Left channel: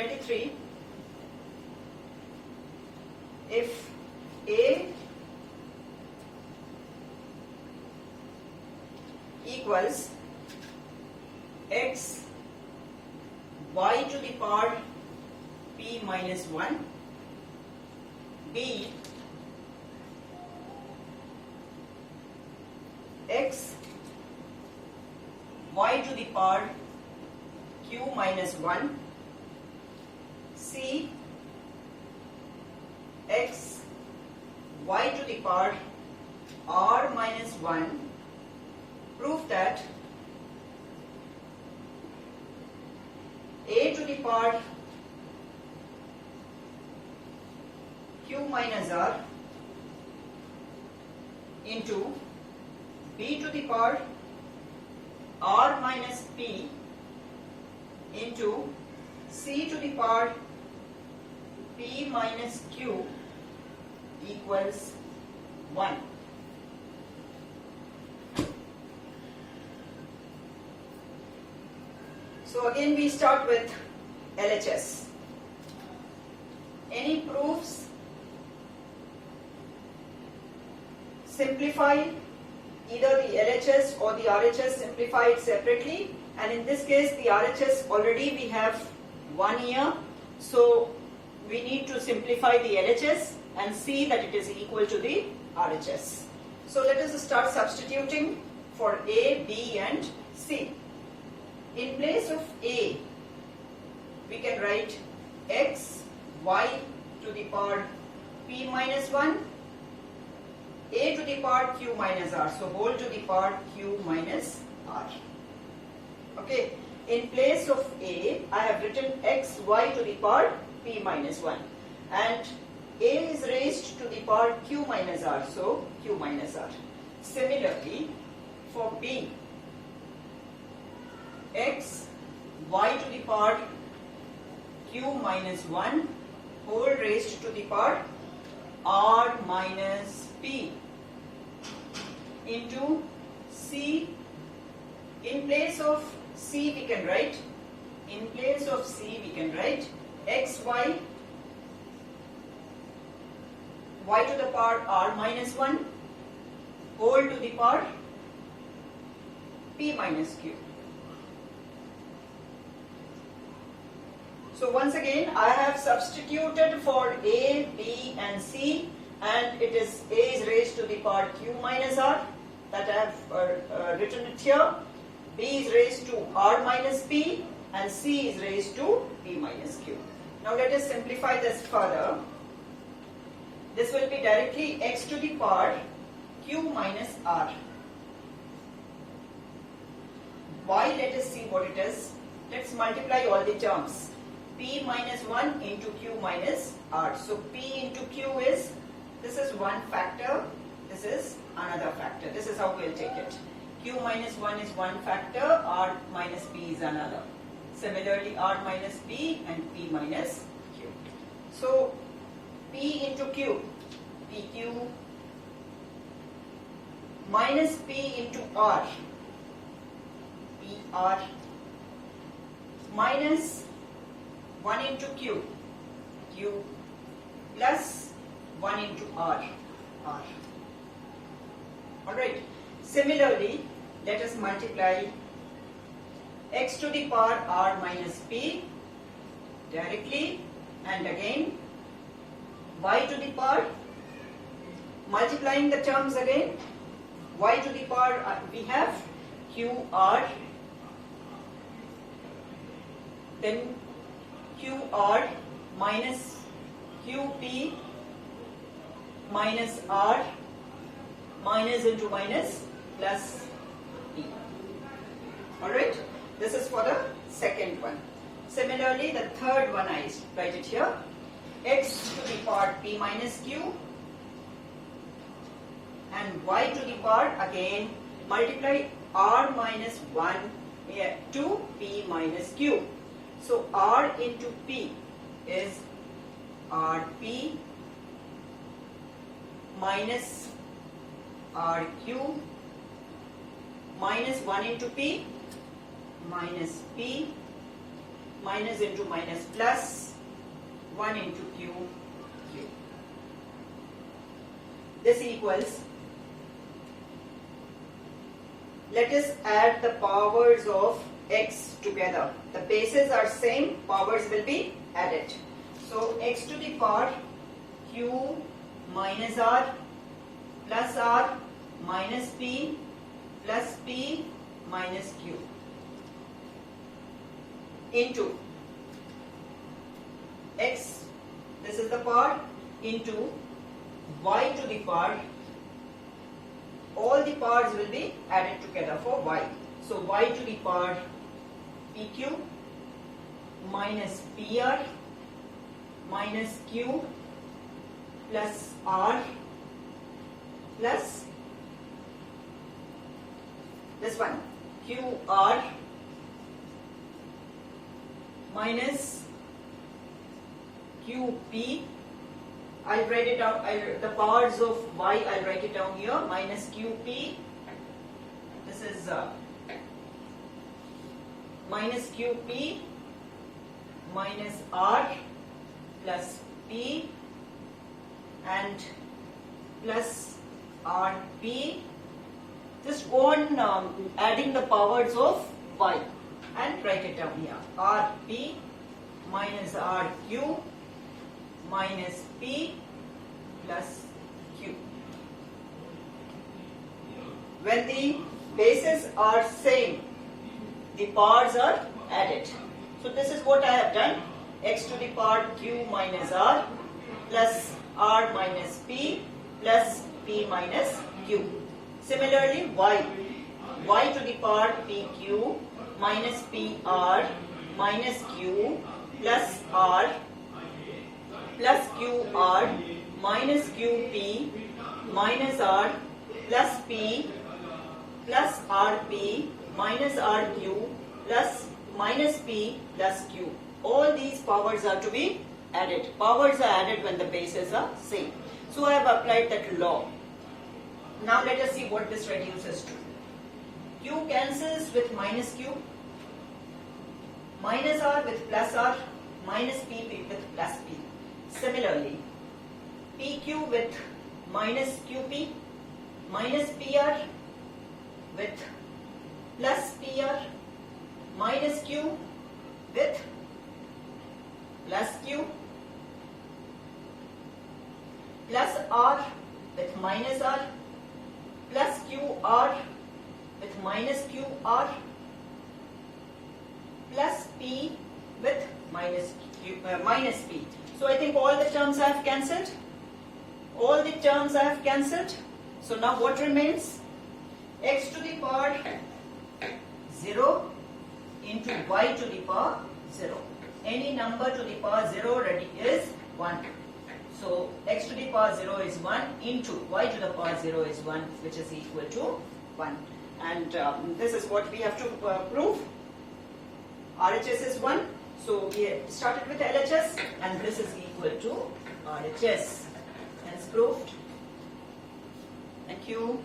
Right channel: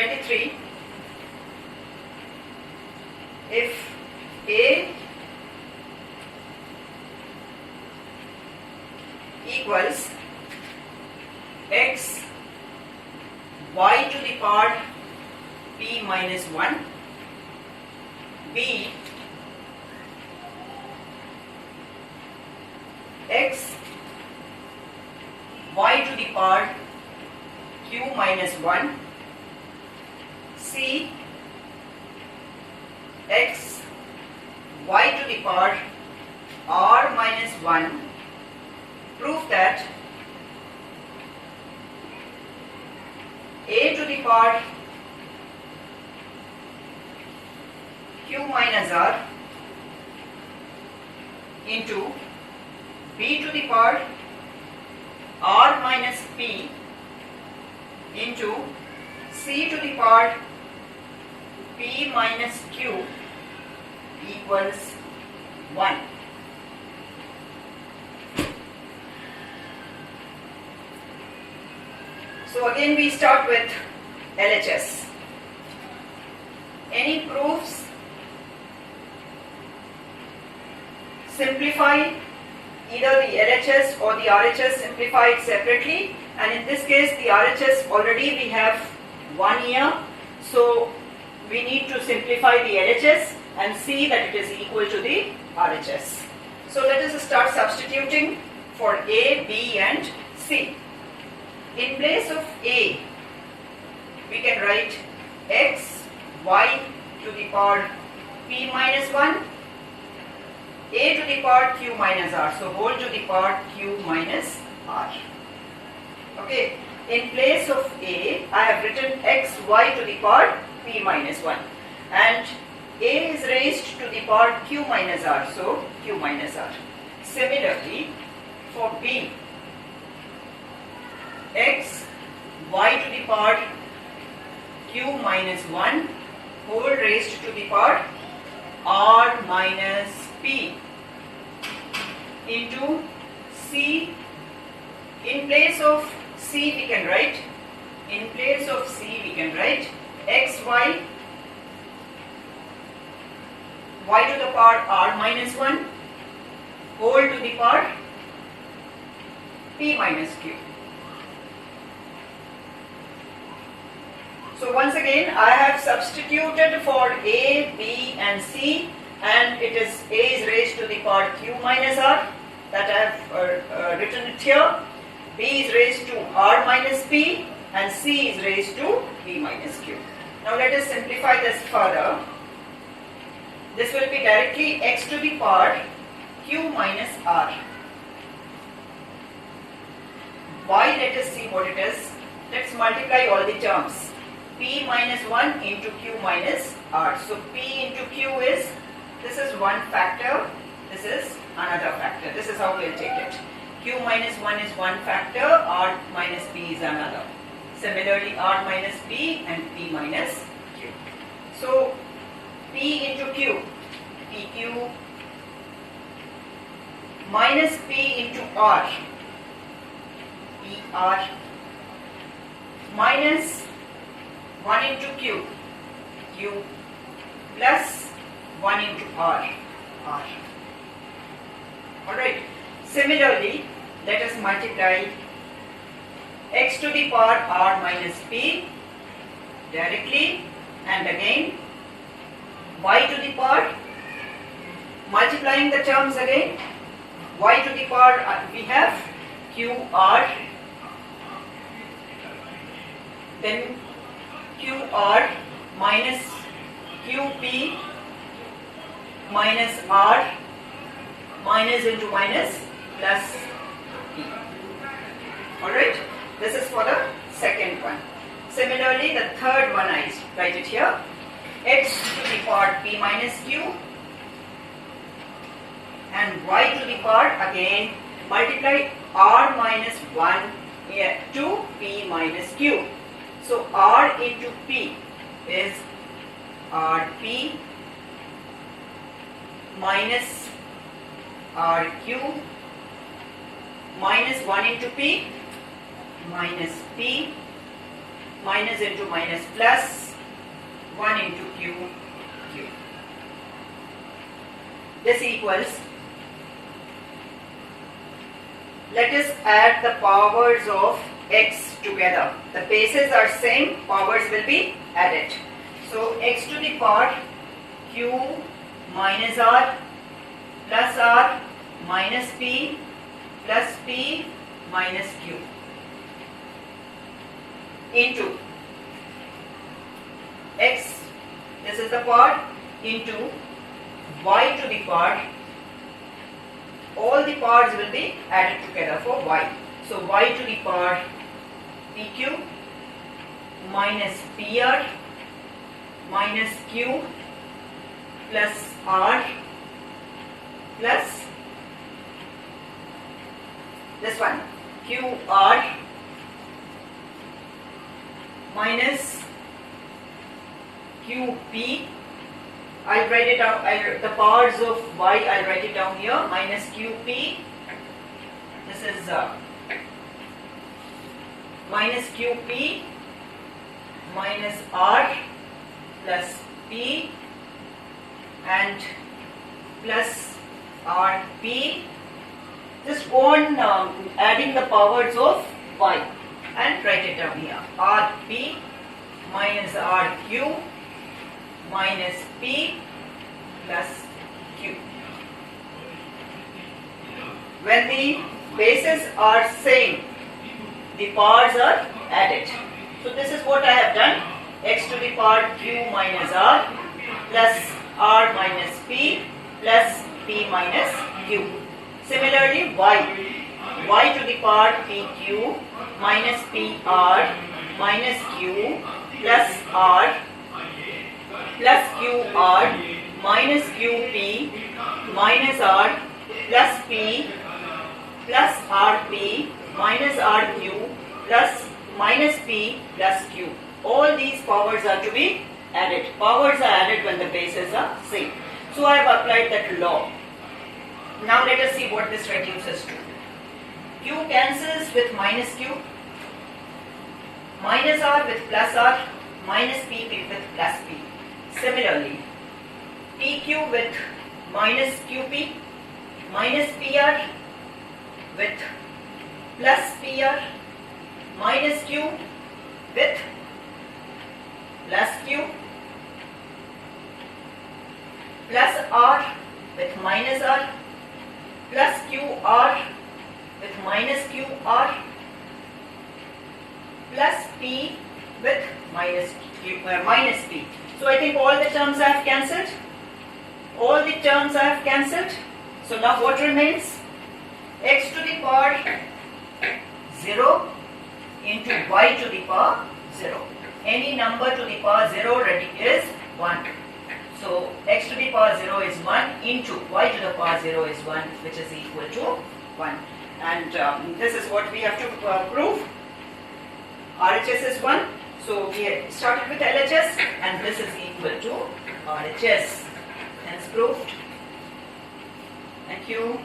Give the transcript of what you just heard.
23. If A equals x y to the power p minus 1, b x y to the power q minus 1, c x y to the power r minus 1, prove that a to the power q minus r into b to the power r minus p into c to the power p minus q equals 1. So again we start with LHS. Any proofs? Simplify either the LHS or the RHS simplified separately, and in this case the RHS already we have 1 year, so we need to simplify the LHS and see that it is equal to the RHS. So let us start substituting for A, B and C. In place of A, we can write x y to the power p minus 1, a to the power q minus r, so whole to the power q minus r. Okay, in place of a, I have written x y to the power p minus 1, and a is raised to the power q minus r, so q minus r. Similarly, for b, x y to the power q minus 1 whole raised to the power r minus p into c. In place of c we can write x y y to the power r minus 1 whole to the power p minus q. So once again I have substituted for A, B and C, and it is A is raised to the power q minus r, that I have written it here. B is raised to r minus p and C is raised to p minus q. Now let us simplify this further. This will be directly x to the power q minus r. Y, let us see what it is. Let's multiply all the terms. P minus 1 into q minus r. So P into q is, this is one factor, this is another factor. This is how we'll take it. Q minus 1 is one factor, r minus p is another. Similarly, r minus p and p minus q. So P into q, PQ minus p into r, PR minus 1 into q, q plus 1 into r, r. Alright. Similarly, let us multiply x to the power r minus p directly, and again y to the power, multiplying the terms again, y to the power we have qr, then qr minus qp minus r minus into minus plus p. Alright, this is for the second one. Similarly, the third one I write it here, x to the power p minus q and y to the power, again multiply r minus 1 to p minus q. So r into p is rp minus rq minus 1 into p minus p minus into minus plus, 1 into q, q. This equals, let us add the powers of x together. The bases are same, powers will be added. So x to the power q minus r plus r minus p plus p minus q into x, this is the part, into y to the power, all the powers will be added together for y. So y to the power pq minus pr minus q plus r plus this one qr minus qp. I'll write it out, the powers of y I'll write it down here, minus qp, this is minus qp minus r plus p and plus rp. Just go on adding the powers of y and write it down here, rp minus rq minus p plus q. When the bases are same, the powers are added. So this is what I have done, x to the power q minus r plus r minus p plus p minus q. Similarly y to the power pq minus pr minus q plus r plus qr minus qp minus r plus p plus rp minus rq plus minus p plus q. All these powers are to be added. Powers are added when the bases are same. So I have applied that law. Now let us see what this reduces to. Q cancels with minus q, minus r with plus r, minus p with plus p. Similarly, pq with minus qp, minus pr with plus pr, minus q with plus q, plus r with minus r, plus qr with minus qr, plus p with minus p. So I think all the terms I have cancelled. All the terms I have cancelled. So now what remains? X to the power 0 into y to the power 0. Any number to the power 0 already is 1. So x to the power 0 is 1 into y to the power 0 is 1, which is equal to 1. And this is what we have to prove. RHS is 1. So we started with LHS and this is equal to RHS. Hence proved. Thank you.